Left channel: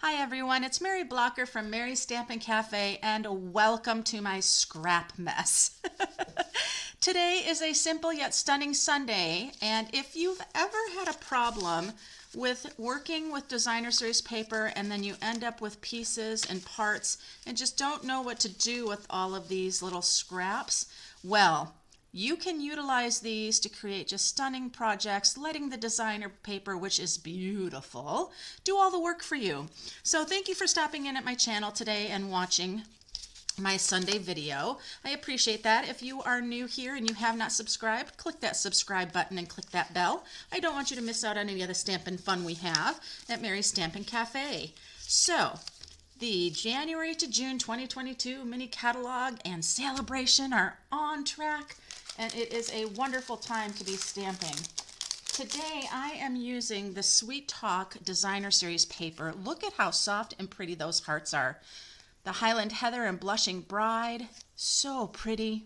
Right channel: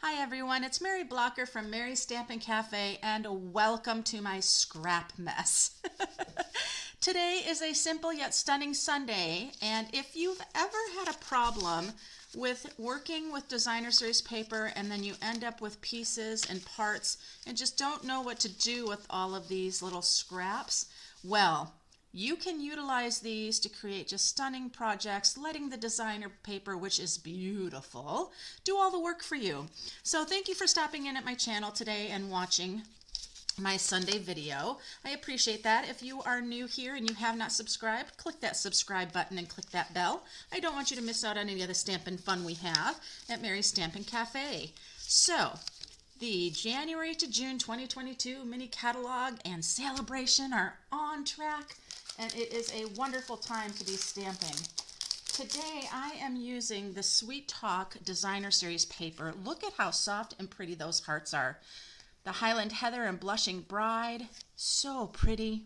Hi everyone, it's Mary Blocker from Mary's Stampin' Cafe and welcome to my scrap mess. Today is a simple yet stunning Sunday, and if you've ever had a problem with working with designer series paper and then you end up with pieces and parts and just don't know what to do with all of these little scraps, well, you can utilize these to create just stunning projects, letting the designer paper, which is beautiful, do all the work for you. So thank you for stopping in at my channel today and watching my Sunday video. I appreciate that. If you are new here and you have not subscribed, click that subscribe button and click that bell. I don't want you to miss out on any of the stampin' fun we have at Mary's Stampin' Cafe. So, the January to June 2022 mini catalog and Sale-A-Bration are on track, and it is a wonderful time to be stamping. Today I am using the Sweet Talk Designer Series paper. Look at how soft and pretty those hearts are. The Highland Heather and Blushing Bride, so pretty.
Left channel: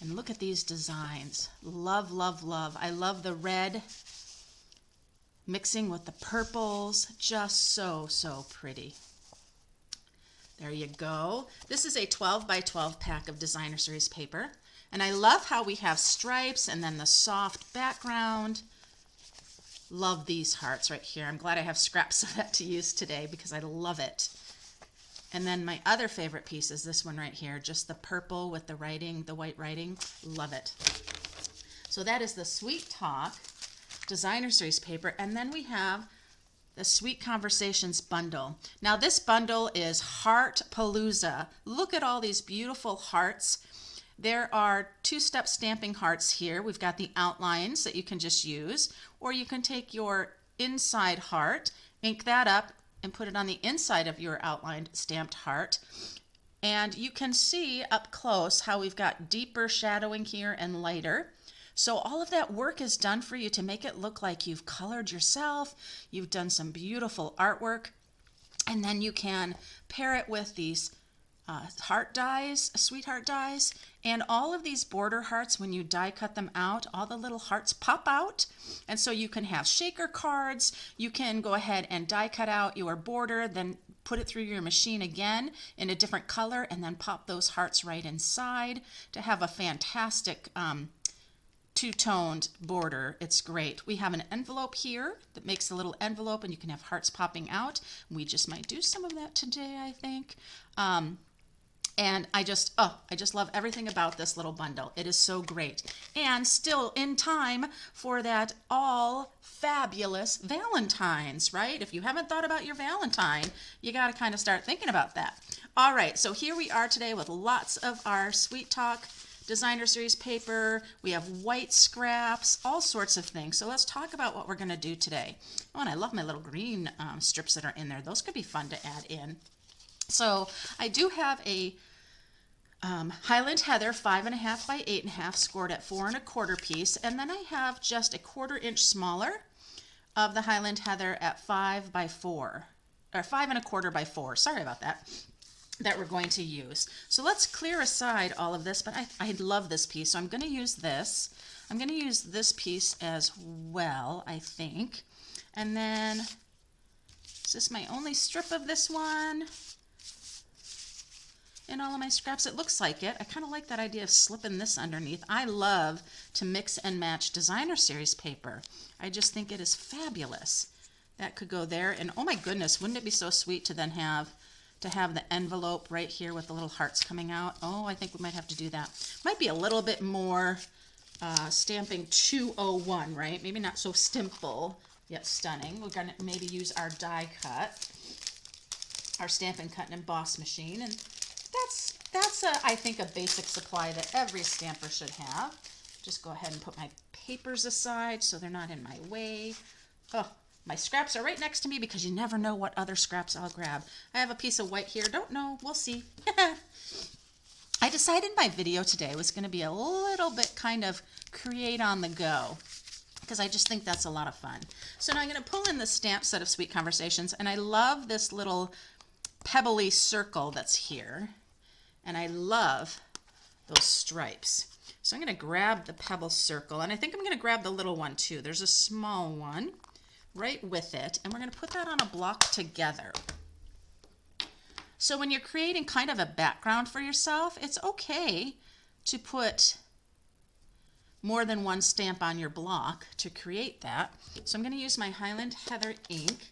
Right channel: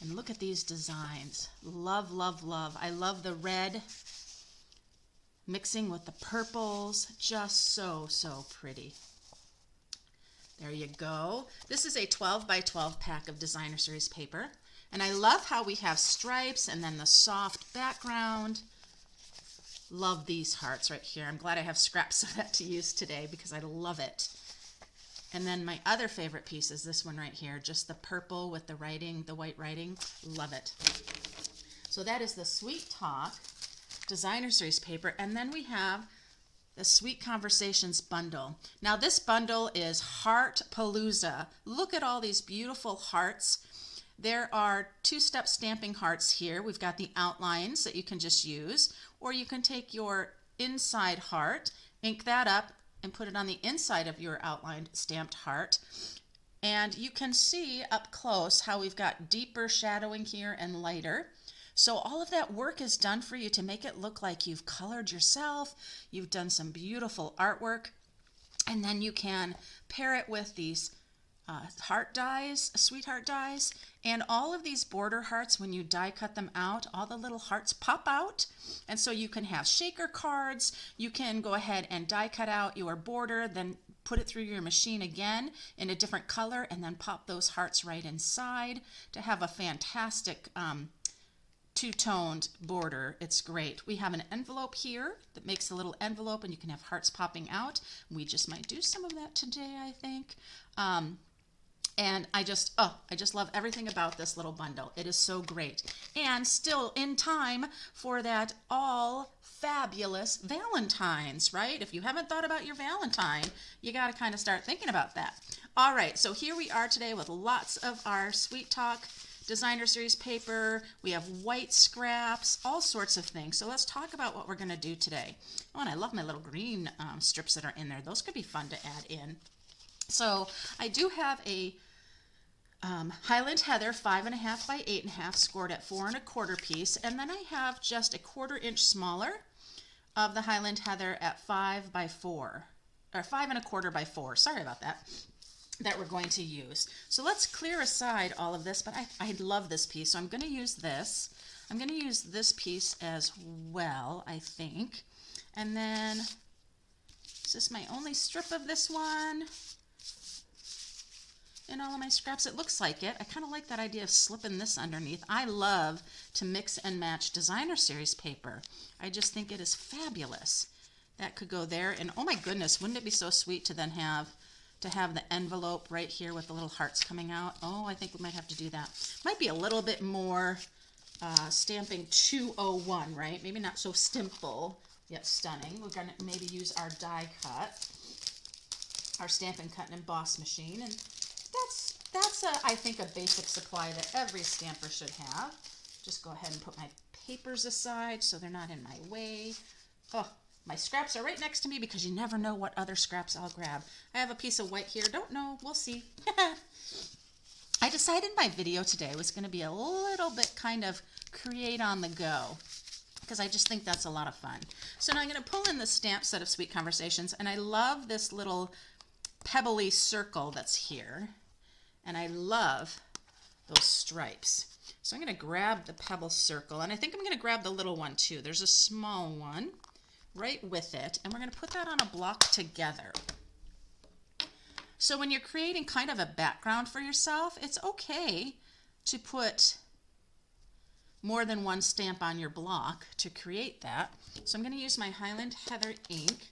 And look at these designs. Love, love, love. I love the red mixing with the purples, just so pretty. There you go. This is a 12 by 12 pack of designer series paper, and I love how we have stripes and then the soft background. Love these hearts right here. I'm glad I have scraps of that to use today because I love it. And then my other favorite piece is this one right here, just the purple with the writing, the white writing. Love it. So that is the Sweet Talk Designer Series paper, and then we have the Sweet Conversations bundle. Now this bundle is Heart Palooza. Look at all these beautiful hearts. There are two-step stamping hearts here. We've got the outlines that you can just use, or you can take your inside heart, ink that up, and put it on the inside of your outlined stamped heart. And you can see up close how we've got deeper shadowing here and lighter. So all of that work is done for you to make it look like you've colored yourself, you've done some beautiful artwork, and then you can pair it with these heart dies, sweetheart dies, and all of these border hearts, when you die cut them out, all the little hearts pop out, and so you can have shaker cards. You can go ahead and die cut out your border, then put it through your machine again in a different color, and then pop those hearts right inside to have a fantastic two-toned border. It's great. We have an envelope here that makes a little envelope, and you can have hearts popping out. We just might do some of that today, I think. And I just love everything about this little bundle. It is so great. And still in time for that all fabulous Valentine's, right? If you haven't thought about your Valentine, you got to kind of start thinking about that. All right, so here we are today with lots of our Sweet Talk Designer Series paper. We have white scraps, all sorts of things. So let's talk about what we're going to do today. Oh, and I love my little green strips that are in there. Those could be fun to add in. So I do have a Highland Heather 5.5 by 8.5 scored at 4 1/4 piece, and then I have just a 1/4 inch smaller of the Highland Heather at 5 by 4, or 5 1/4 by 4. Sorry about that. That we're going to use. So let's clear aside all of this, but I love this piece, so I'm going to use this. I'm going to use this piece as well, I think. And then, is this my only strip of this one? In all of my scraps, it looks like it. I kind of like that idea of slipping this underneath. I love to mix and match designer series paper. I just think it is fabulous. That could go there, and oh my goodness, wouldn't it be so sweet to then have the envelope right here with the little hearts coming out. Oh, I think we might have to do that. Might be a little bit more stamping 201, right? Maybe not so simple, yet stunning. We're gonna maybe use our die cut, our Stampin' Cut and Emboss machine, and that's I think a basic supply that every stamper should have. Just go ahead and put my papers aside so they're not in my way. Oh, my scraps are right next to me because you never know what other scraps I'll grab. I have a piece of white here. Don't know. We'll see. I decided my video today was going to be a little bit kind of create on the go because I just think that's a lot of fun. So now I'm going to pull in the stamp set of Sweet Conversations, and I love this little pebbly circle that's here, and I love those stripes. So I'm going to grab the pebble circle, and I think I'm going to grab the little one too. There's a small one. right with it, and we're going to put that on a block together. So when you're creating kind of a background for yourself, it's okay to put more than one stamp on your block to create that. So I'm going to use my Highland Heather ink.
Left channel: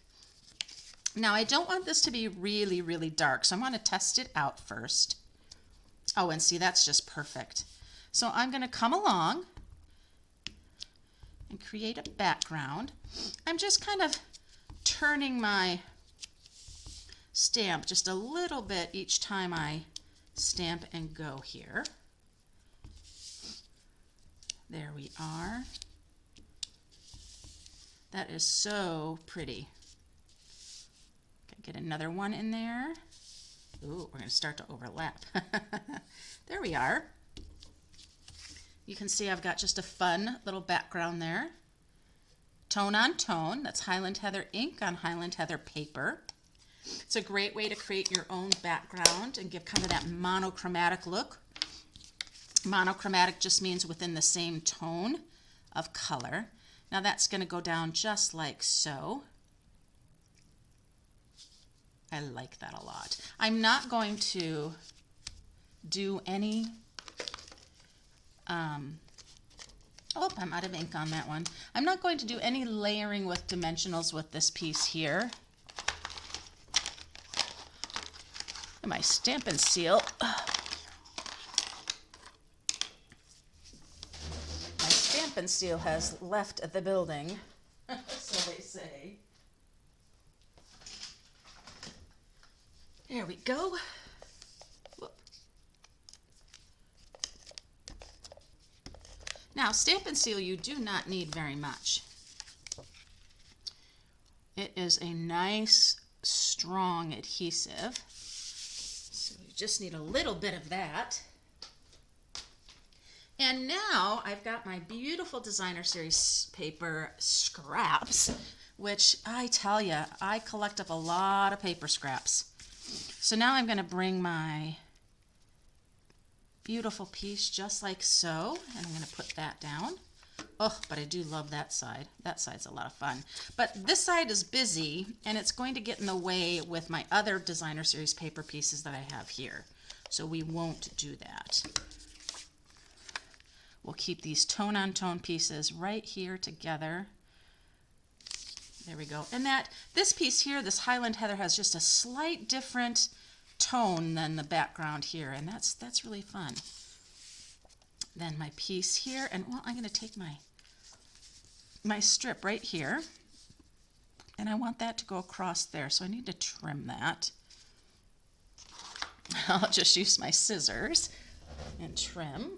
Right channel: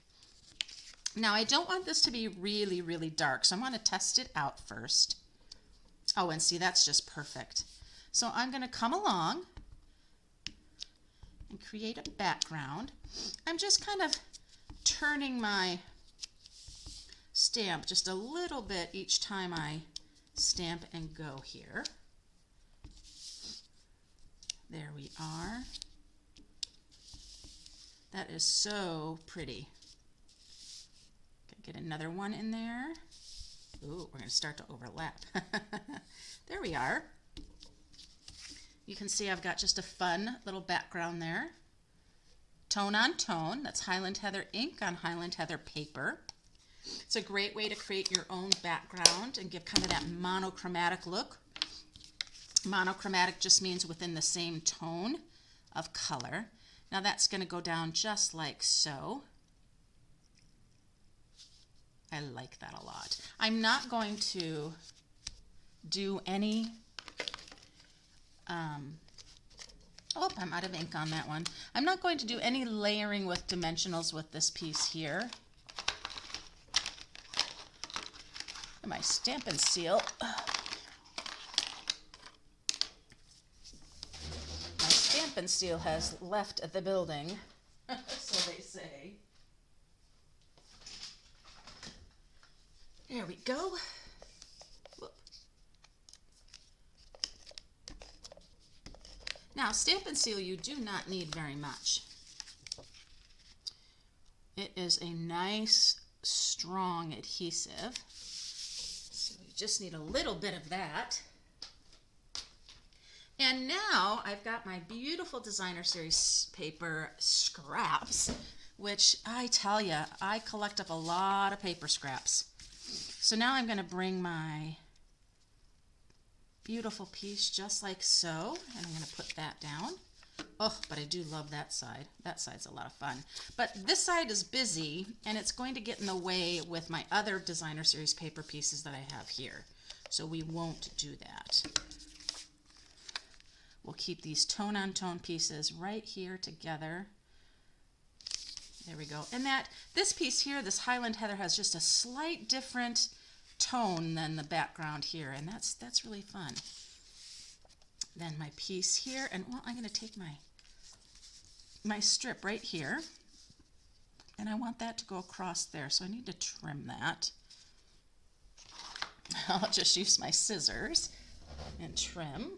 Now I don't want this to be really, really dark, so I want to test it out first. Oh, and see, that's just perfect. So I'm going to come along and create a background. I'm just kind of turning my stamp just a little bit each time I stamp and go here. There we are. That is so pretty. Get another one in there. Ooh, we're going to start to overlap. There we are. You can see I've got just a fun little background there. Tone on tone. That's Highland Heather ink on Highland Heather paper. It's a great way to create your own background and give kind of that monochromatic look. Monochromatic just means within the same tone of color. Now that's going to go down just like so. I like that a lot. I'm not going to do any, oh, I'm out of ink on that one. I'm not going to do any layering with dimensionals with this piece here. And my Stampin' Seal. My Stampin' Seal has left the building, so they say. There we go. Whoop. Now, Stampin' Seal, you do not need very much. It is a nice, strong adhesive. So you just need a little bit of that. And now I've got my beautiful Designer Series paper scraps, which I tell you, I collect up a lot of paper scraps. So now I'm going to bring my beautiful piece just like so, and I'm going to put that down. Oh, but I do love that side. That side's a lot of fun. But this side is busy, and it's going to get in the way with my other Designer Series paper pieces that I have here. So we won't do that. We'll keep these tone-on-tone pieces right here together. There we go. And this piece here, this Highland Heather, has just a slight different tone than the background here, and that's really fun. Then my piece here, and well, I'm going to take my strip right here, and I want that to go across there, so I need to trim that. I'll just use my scissors and trim.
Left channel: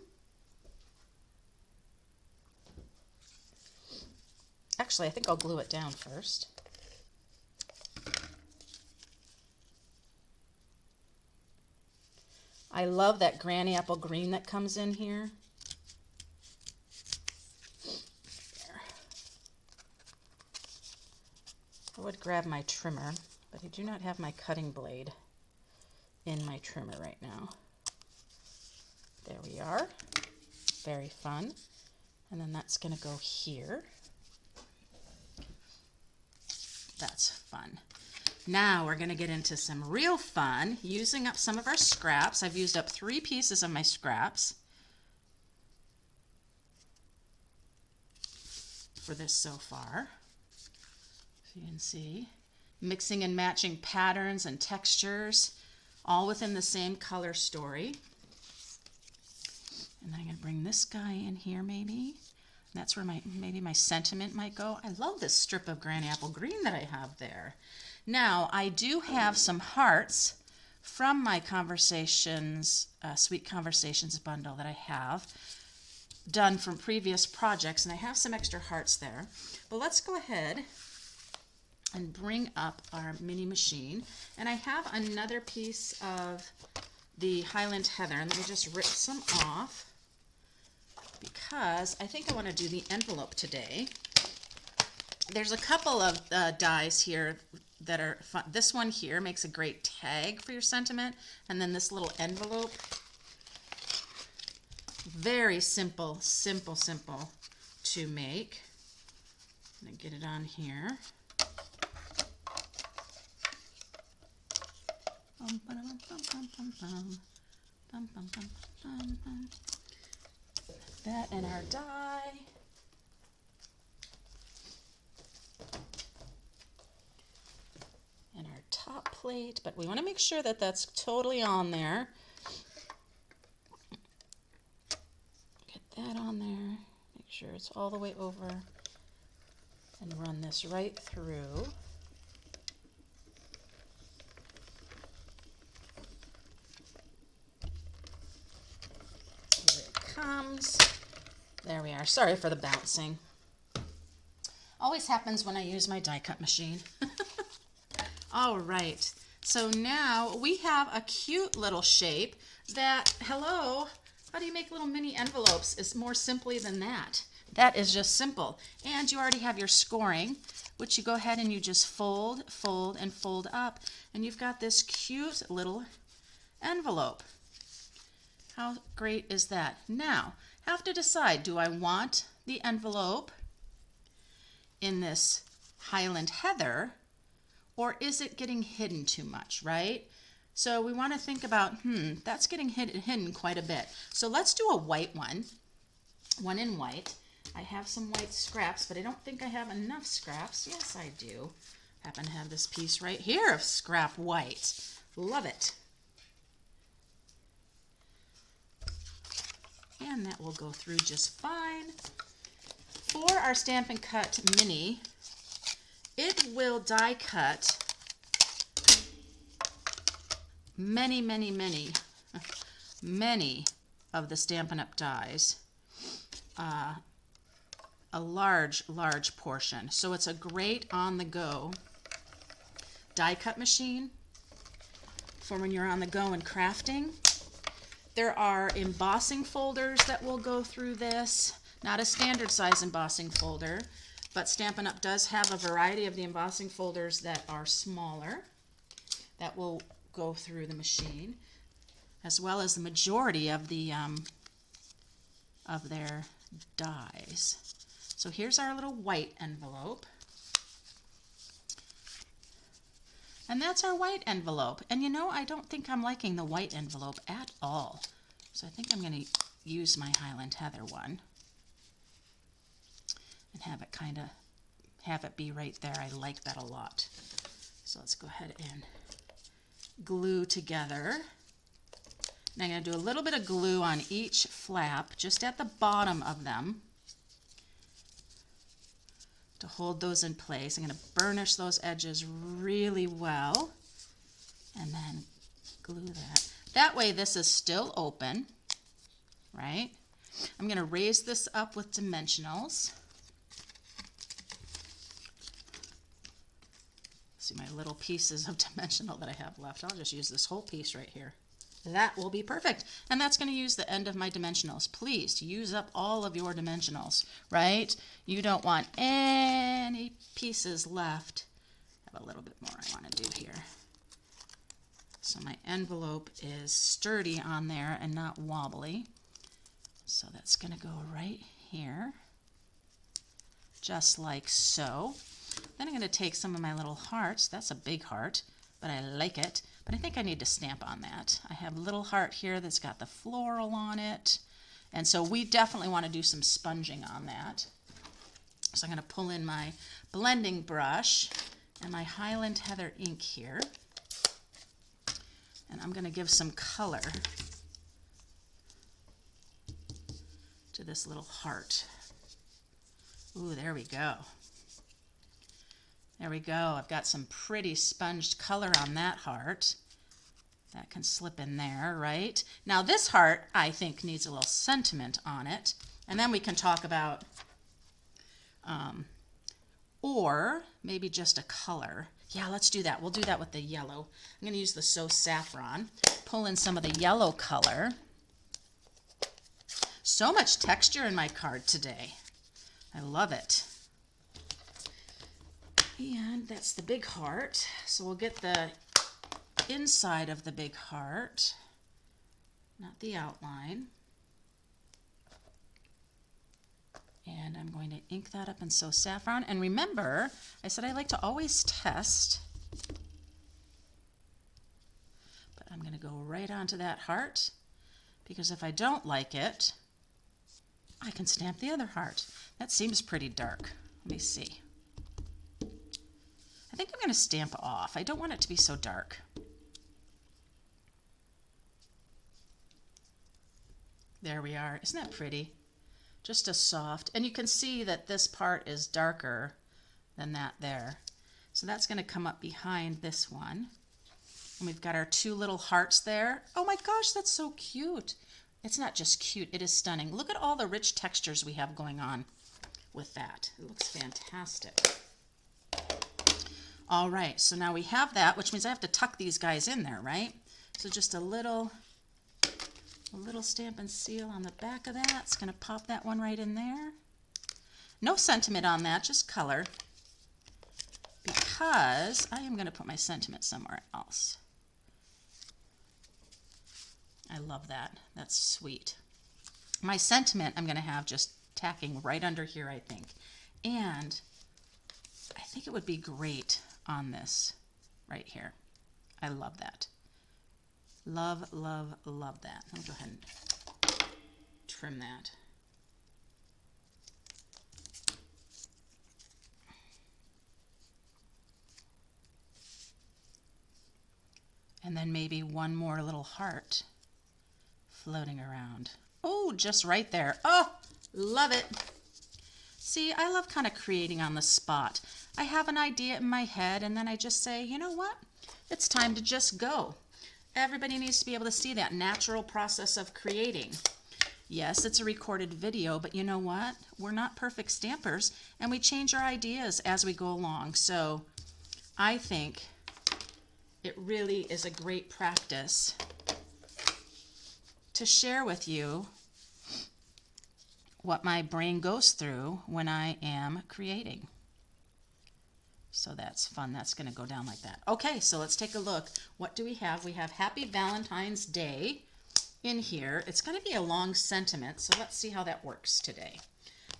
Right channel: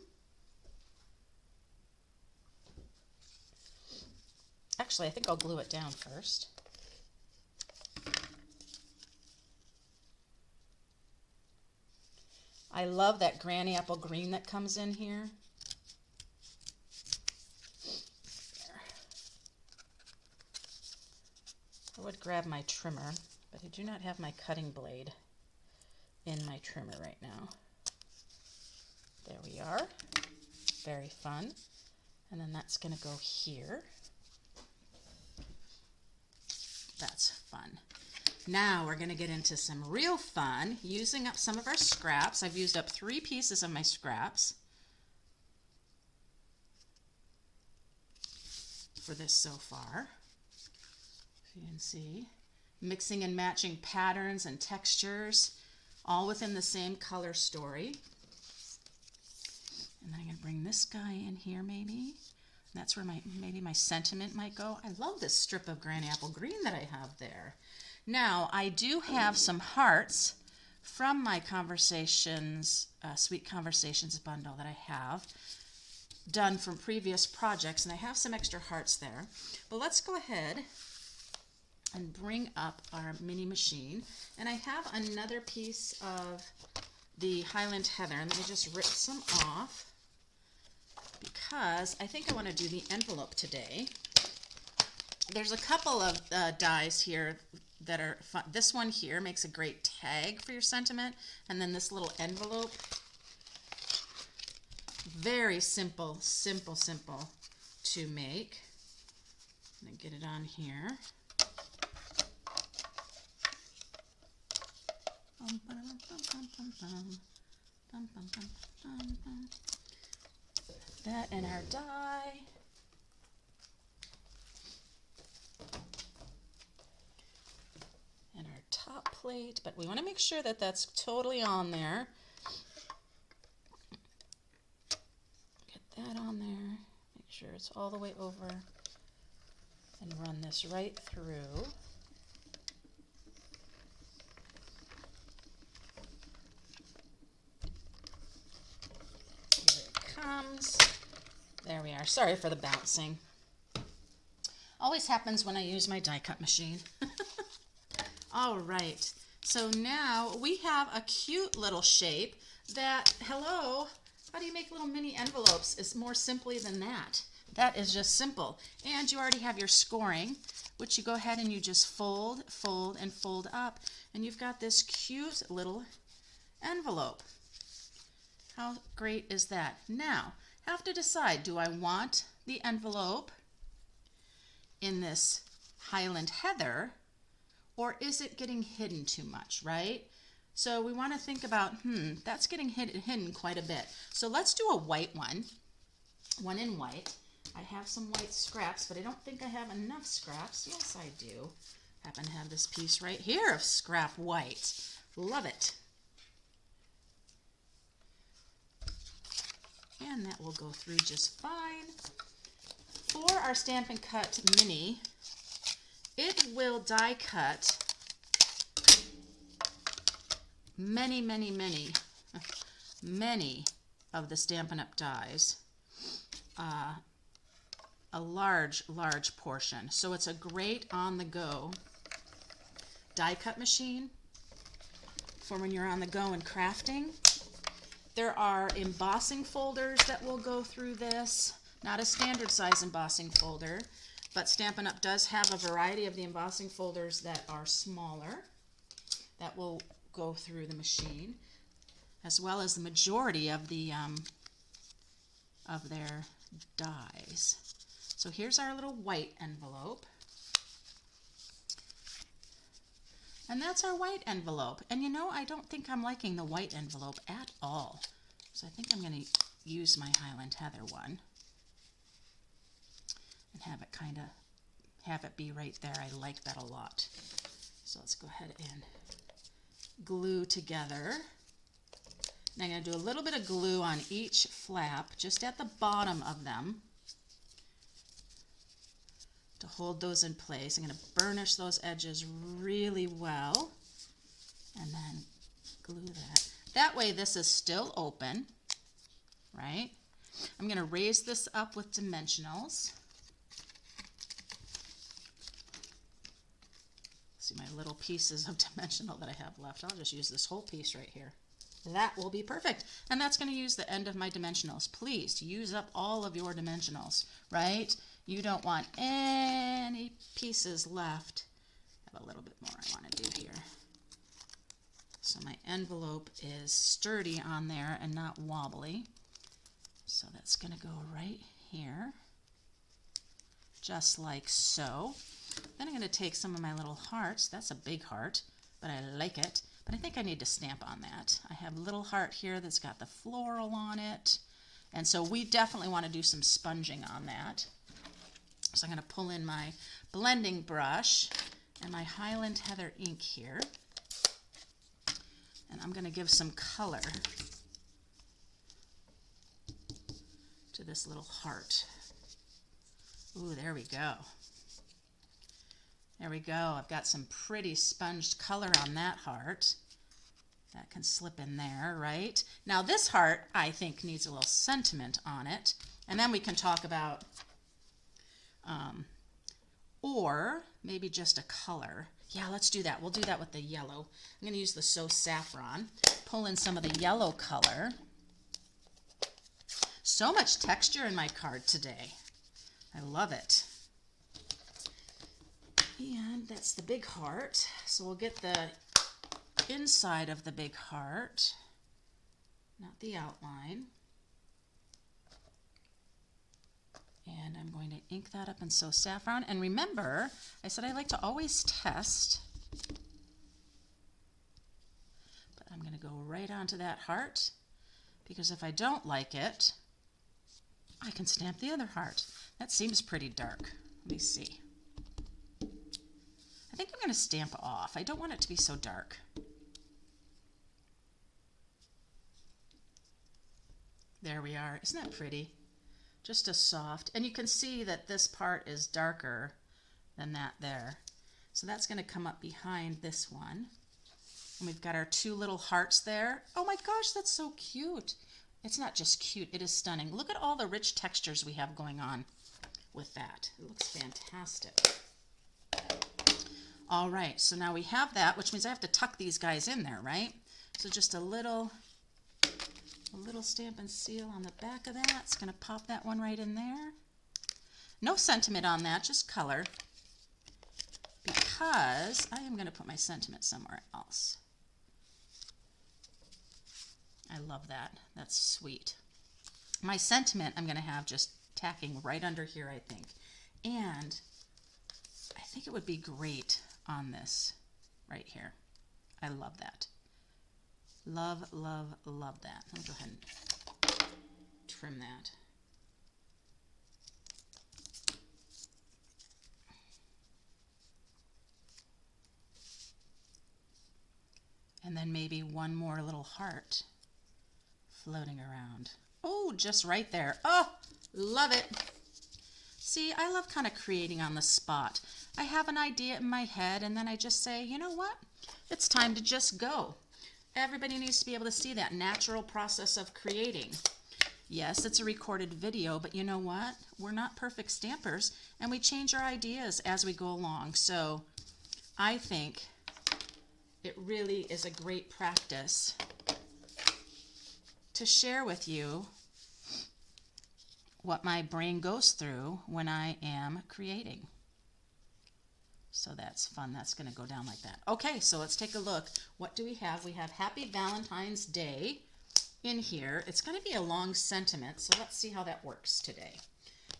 Actually, I think I'll glue it down first. I love that granny apple green that comes in here. There. I would grab my trimmer, but I do not have my cutting blade in my trimmer right now. There we are. Very fun. And then that's going to go here. That's fun. Now we're going to get into some real fun, using up some of our scraps. I've used up 3 pieces of my scraps for this so far. You can see, mixing and matching patterns and textures, all within the same color story. And I'm going to bring this guy in here maybe. That's where maybe my sentiment might go. I love this strip of granny apple green that I have there. Now, I do have some hearts from my Conversations, Sweet Conversations bundle that I have done from previous projects, and I have some extra hearts there. But let's go ahead and bring up our mini machine. And I have another piece of the Highland Heather, and let me just rip some off because I think I want to do the envelope today. There's a couple of dies here that are fun. This one here makes a great tag for your sentiment, and then this little envelope, very simple to make. I'm going to get it on here. That in our die. And our top plate, but we want to make sure that that's totally on there. Get that on there. Make sure it's all the way over. And run this right through. Here it comes. There we are. Sorry for the bouncing. Always happens when I use my die cut machine. All right. So now we have a cute little shape that, hello, how do you make little mini envelopes? It's more simply than that. That is just simple. And you already have your scoring, which you go ahead and you just fold, fold, and fold up. And you've got this cute little envelope. How great is that? Now, have to decide, do I want the envelope in this Highland Heather, or is it getting hidden too much, right? So we want to think about, that's getting hidden quite a bit. So let's do a white one in white. I have some white scraps, but I don't think I have enough scraps. Yes, I do. Happen to have this piece right here of scrap white. Love it. And that will go through just fine. For our Stampin' Cut Mini, it will die cut many of the Stampin' Up! Dies. A large portion. So it's a great on-the-go die cut machine for when you're on the go and crafting. There are embossing folders that will go through this. Not a standard size embossing folder, but Stampin' Up! Does have a variety of the embossing folders that are smaller that will go through the machine, as well as the majority of the of their dies. So here's our little white envelope. And that's our white envelope. And you know, I don't think I'm liking the white envelope at all. So I think I'm going to use my Highland Heather one and have it have it be right there. I like that a lot. So let's go ahead and glue together. Now I'm going to do a little bit of glue on each flap, just at the bottom of them, to hold those in place. I'm going to burnish those edges really well and then glue that. That way this is still open, right? I'm going to raise this up with dimensionals. See my little pieces of dimensional that I have left. I'll just use this whole piece right here. That will be perfect. And that's going to use the end of my dimensionals. Please use up all of your dimensionals, right? You don't want any pieces left. I have a little bit more I want to do here. So my envelope is sturdy on there and not wobbly. So that's going to go right here, just like so. Then I'm going to take some of my little hearts. That's a big heart, but I like it. But I think I need to stamp on that. I have a little heart here that's got the floral on it. And so we definitely want to do some sponging on that. So I'm going to pull in my blending brush and my Highland Heather ink here. And I'm going to give some color to this little heart. Ooh, there we go. There we go. I've got some pretty sponged color on that heart. That can slip in there, right? Now this heart, I think, needs a little sentiment on it. And then we can talk about, or maybe just a color. Yeah, let's do that. We'll do that with the yellow. I'm going to use the So Saffron. Pull in some of the yellow color. So much texture in my card today. I love it. And that's the big heart. So we'll get the inside of the big heart, not the outline. And I'm going to ink that up in So Saffron. And remember, I said I like to always test. But I'm going to go right onto that heart, because if I don't like it, I can stamp the other heart. That seems pretty dark. Let me see. I think I'm going to stamp off. I don't want it to be so dark. There we are. Isn't that pretty? Just a soft, and you can see that this part is darker than that there. So that's going to come up behind this one. And we've got our two little hearts there. Oh my gosh, that's so cute. It's not just cute, it is stunning. Look at all the rich textures we have going on with that. It looks fantastic. All right, so now we have that, which means I have to tuck these guys in there, right? So just a little Stampin' Seal on the back of that. It's going to pop that one right in there. No sentiment on that, just color, because I am going to put my sentiment somewhere else. I love that. That's sweet. My sentiment I'm going to have just tacking right under here, I think. And I think it would be great on this right here. I love that. Love, love, love that. Let me go ahead and trim that. And then maybe one more little heart floating around. Oh, just right there. Oh, love it. See, I love kind of creating on the spot. I have an idea in my head, and then I just say, you know what? It's time to just go. Everybody needs to be able to see that natural process of creating. Yes, it's a recorded video, but you know what? We're not perfect stampers, and we change our ideas as we go along. So I think it really is a great practice to share with you what my brain goes through when I am creating. So that's fun. That's going to go down like that. Okay, so let's take a look. What do we have? We have Happy Valentine's Day in here. It's going to be a long sentiment, so let's see how that works today.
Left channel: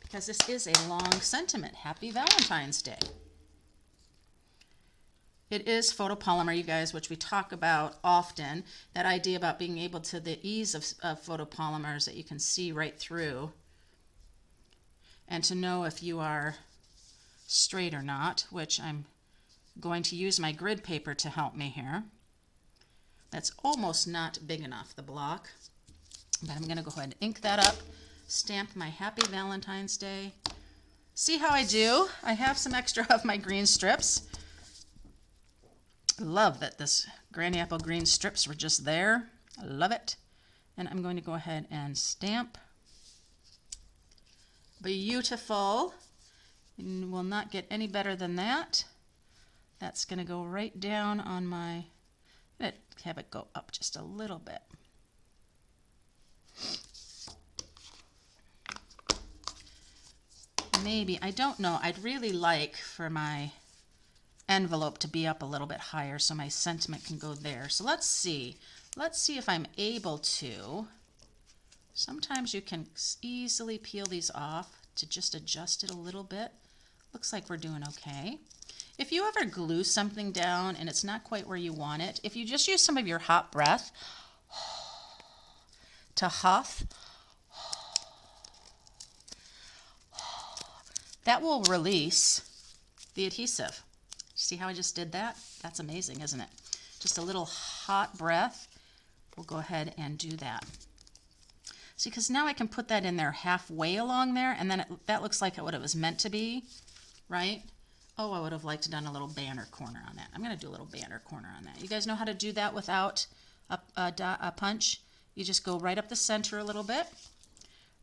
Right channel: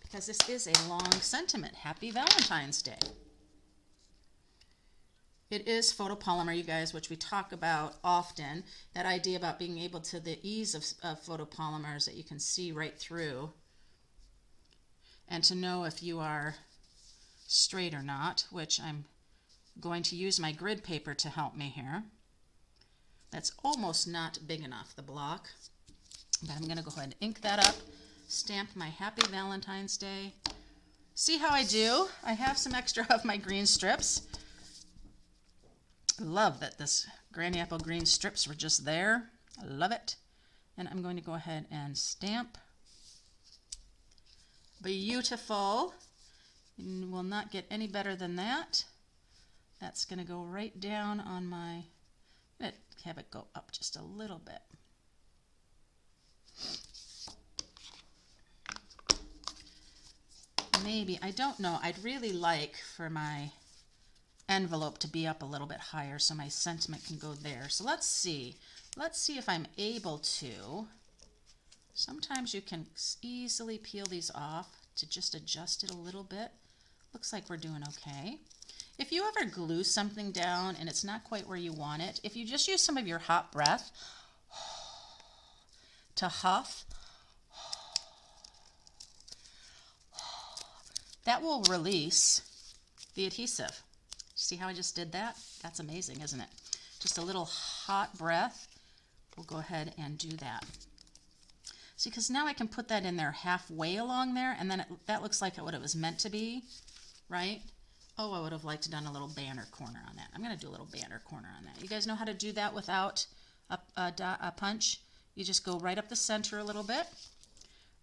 Because this is a long sentiment. Happy Valentine's Day. It is photopolymer, you guys, which we talk about often. That idea about being able to, the ease of photopolymers that you can see right through. And to know if you are straight or not, which I'm going to use my grid paper to help me here. That's almost not big enough, the block. But I'm going to go ahead and ink that up, stamp my Happy Valentine's Day. See how I do? I have some extra of my green strips. Love that this Granny Apple green strips were just there. I love it. And I'm going to go ahead and stamp. Beautiful. And will not get any better than that. That's going to go right down on my, have it go up just a little bit. Maybe, I don't know, I'd really like for my envelope to be up a little bit higher so my sentiment can go there. So let's see if I'm able to. Sometimes you can easily peel these off to just adjust it a little bit. Looks like we're doing okay. If you ever glue something down and it's not quite where you want it, if you just use some of your hot breath to huff, that will release the adhesive. See how I just did that? That's amazing, isn't it? Just a little hot breath. We'll go ahead and do that. See, because now I can put that in there halfway along there, and then that looks like what it was meant to be, right? Oh, I would have liked to done a little banner corner on that. I'm going to do a little banner corner on that. You guys know how to do that without a punch? You just go right up the center a little bit,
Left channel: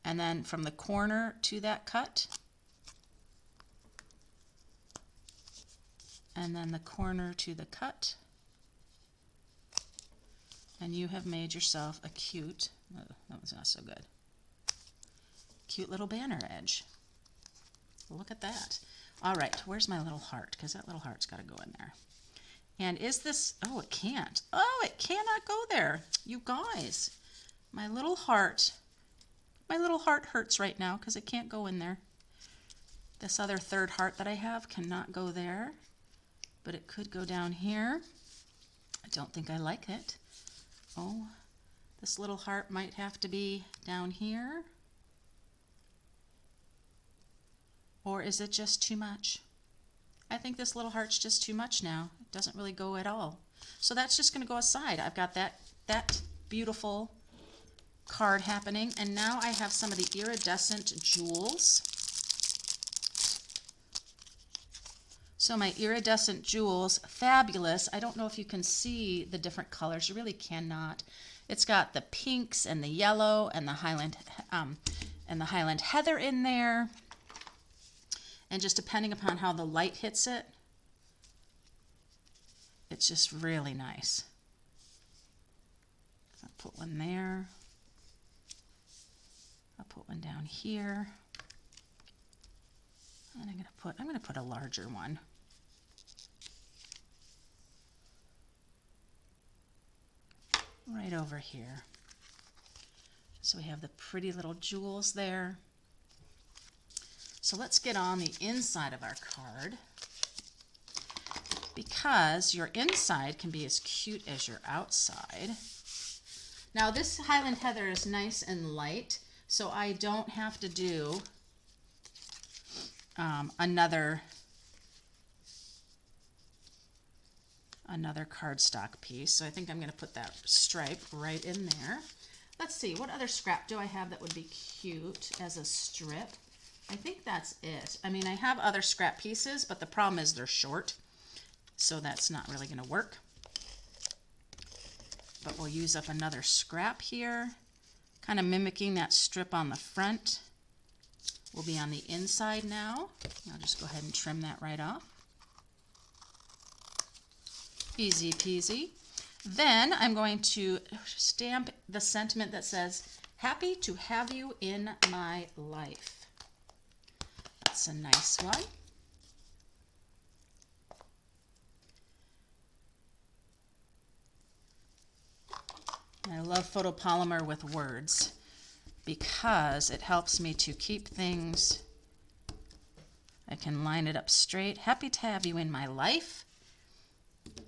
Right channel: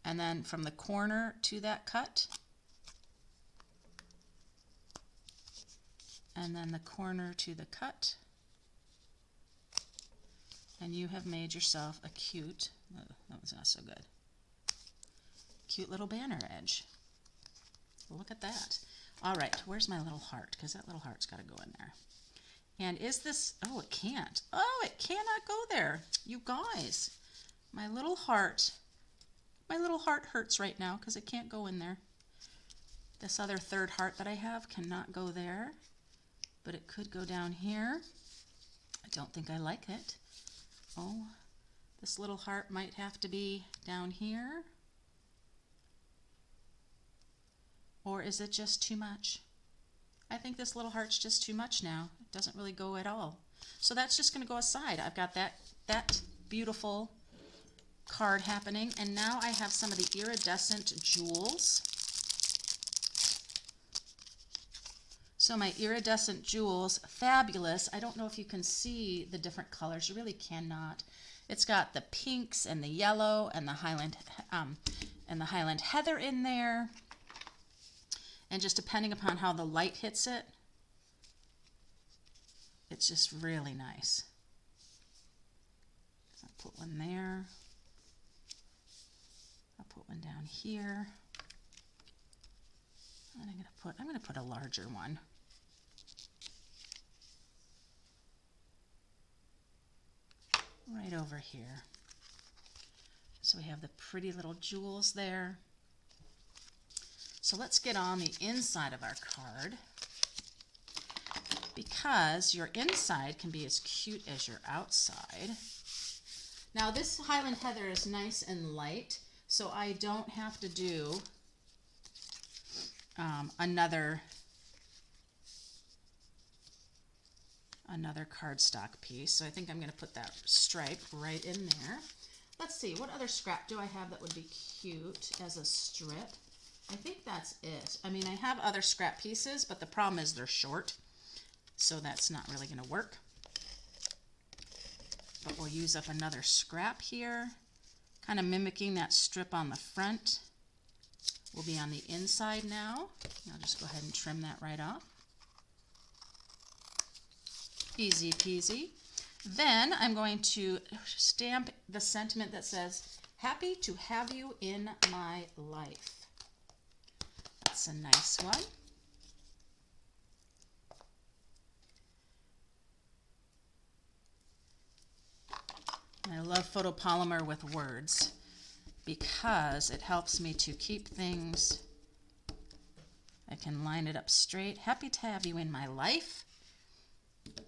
and then from the corner to that cut, and then the corner to the cut, and you have made yourself a cute, oh, that was not so good, cute little banner edge. Look at that. All right, where's my little heart? Because that little heart's got to go in there. And is this, oh, it can't. Oh, it cannot go there. You guys, my little heart hurts right now because it can't go in there. This other third heart that I have cannot go there, but it could go down here. I don't think I like it. Oh, this little heart might have to be down here. Or is it just too much? I think this little heart's just too much now. It doesn't really go at all. So that's just going to go aside. I've got that beautiful card happening, and now I have some of the iridescent jewels. So my iridescent jewels, fabulous. I don't know if you can see the different colors. You really cannot. It's got the pinks and the yellow and the Highland Heather in there. And just depending upon how the light hits it, it's just really nice. So I'll put one there. I'll put one down here. And I'm gonna put a larger one. Right over here. So we have the pretty little jewels there. So let's get on the inside of our card, because your inside can be as cute as your outside. Now this Highland Heather is nice and light, so I don't have to do another cardstock piece. So I think I'm going to put that stripe right in there. Let's see, what other scrap do I have that would be cute as a strip? I think that's it. I mean, I have other scrap pieces, but the problem is they're short, so that's not really going to work. But we'll use up another scrap here, kind of mimicking that strip on the front. We'll be on the inside now. I'll just go ahead and trim that right off. Easy peasy. Then I'm going to stamp the sentiment that says, "Happy to have you in my life." That's a nice one. I love photopolymer with words because it helps me to keep things. I can line it up straight. Happy to have you in my life.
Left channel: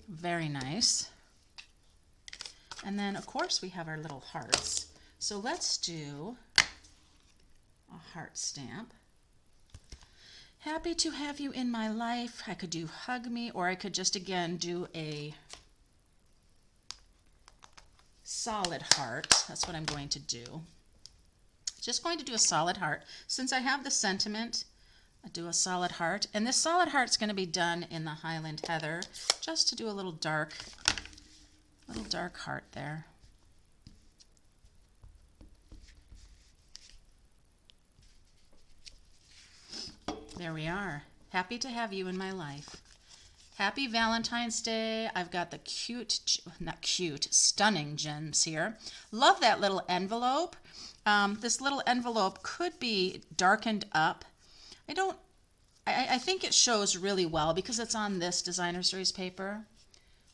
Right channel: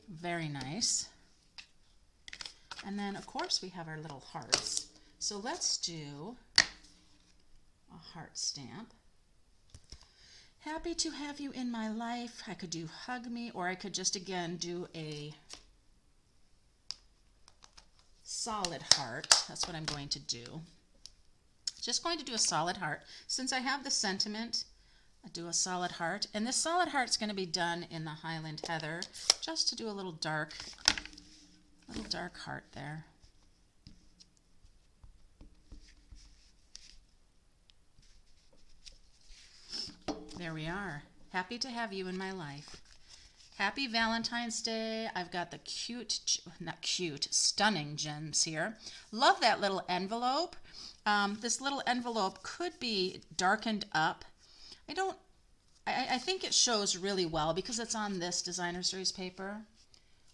Very nice. And then, of course, we have our little hearts. So let's do a heart stamp. Happy to have you in my life. I could do hug me, or I could just, again, do a solid heart. That's what I'm going to do. Just going to do a solid heart. Since I have the sentiment, I do a solid heart. And this solid heart's going to be done in the Highland Heather, just to do a little dark heart there. There we are. Happy to have you in my life. Happy Valentine's Day. I've got the stunning gems here. Love that little envelope. This little envelope could be darkened up. I think it shows really well because it's on this designer series paper.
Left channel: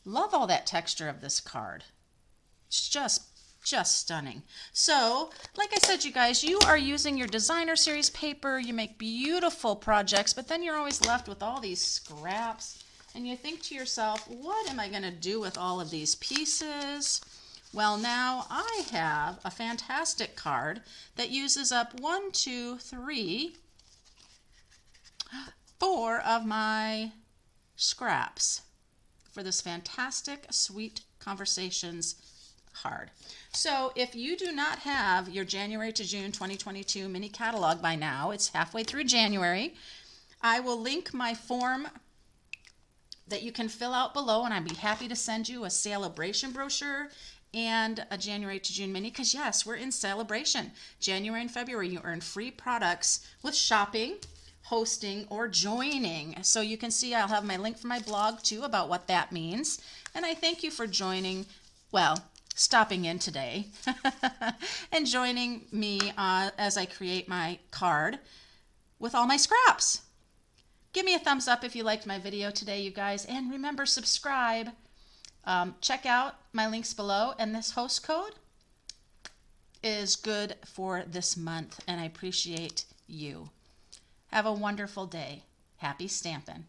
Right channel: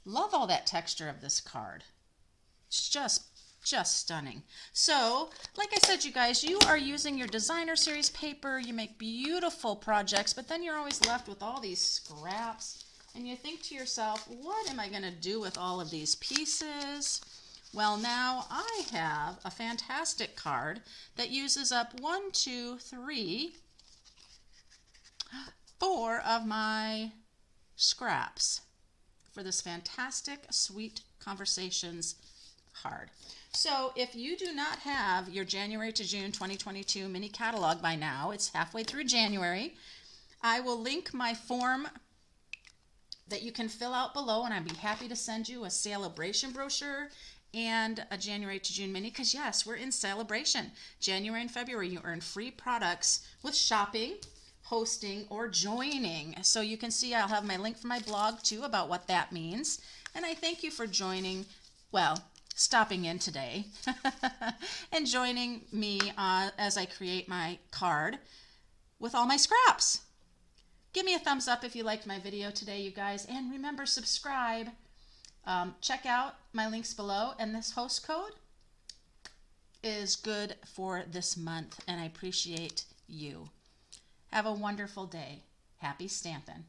Love all that texture of this card. It's just stunning. So, like I said, you guys, you are using your designer series paper. You make beautiful projects, but then you're always left with all these scraps. And you think to yourself, what am I going to do with all of these pieces? Well, now I have a fantastic card that uses up 1, 2, 3, 4 of my scraps for this fantastic Sweet Conversations card. So if you do not have your January to June 2022 mini catalog by now, it's halfway through January, I will link my form that you can fill out below, and I'd be happy to send you a Sale-A-Bration brochure and a January to June mini, because yes, we're in Sale-A-Bration. January and February, you earn free products with shopping, hosting, or joining. So you can see I'll have my link for my blog too about what that means. And I thank you for joining, well, stopping in today and joining me as I create my card with all my scraps. Give me a thumbs up if you liked my video today, you guys. And remember, subscribe. Check out my links below. And this host code is good for this month. And I appreciate you. Have a wonderful day. Happy stampin'.